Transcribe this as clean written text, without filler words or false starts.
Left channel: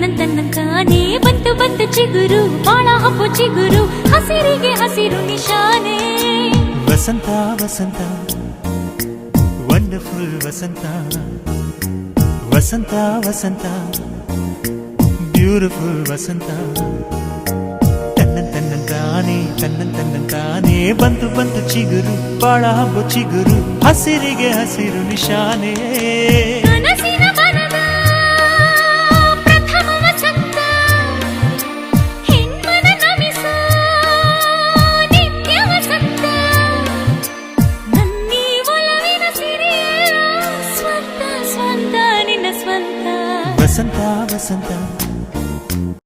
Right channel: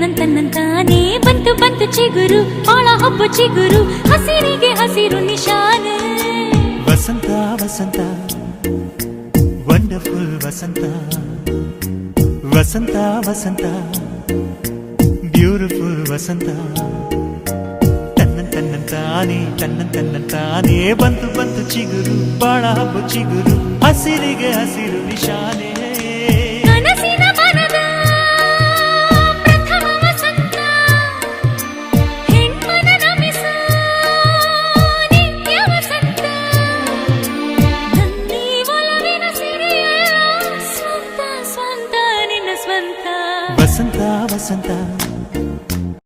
ತನ್ನಂತಾನೇ ಬಂತು ಬಂತು ಚಿಗುರು ಒಳ ಹಬ್ಬ ಚಿಗುರು ಹಸಿರಿಗೆ ಹಸಿರು ನಿಶಾನೆ ವಸಂತ ವಸಂತ ವಂಡರ್ಫುಲ್ ವಸಂತ ವಸಂತ ವಸಂತ ಬ್ಯೂಟಿಫುಲ್ ವಸಂತ ತನ್ನಂತಾನೇ ಬಂತು ಬಂತು ಚಿಗುರು ಬಾಳ ಹಬ್ಬ ಚಿಗುರು ಹಸಿರಿಗೆ ಹಸಿರು ನಿಶಾನೆ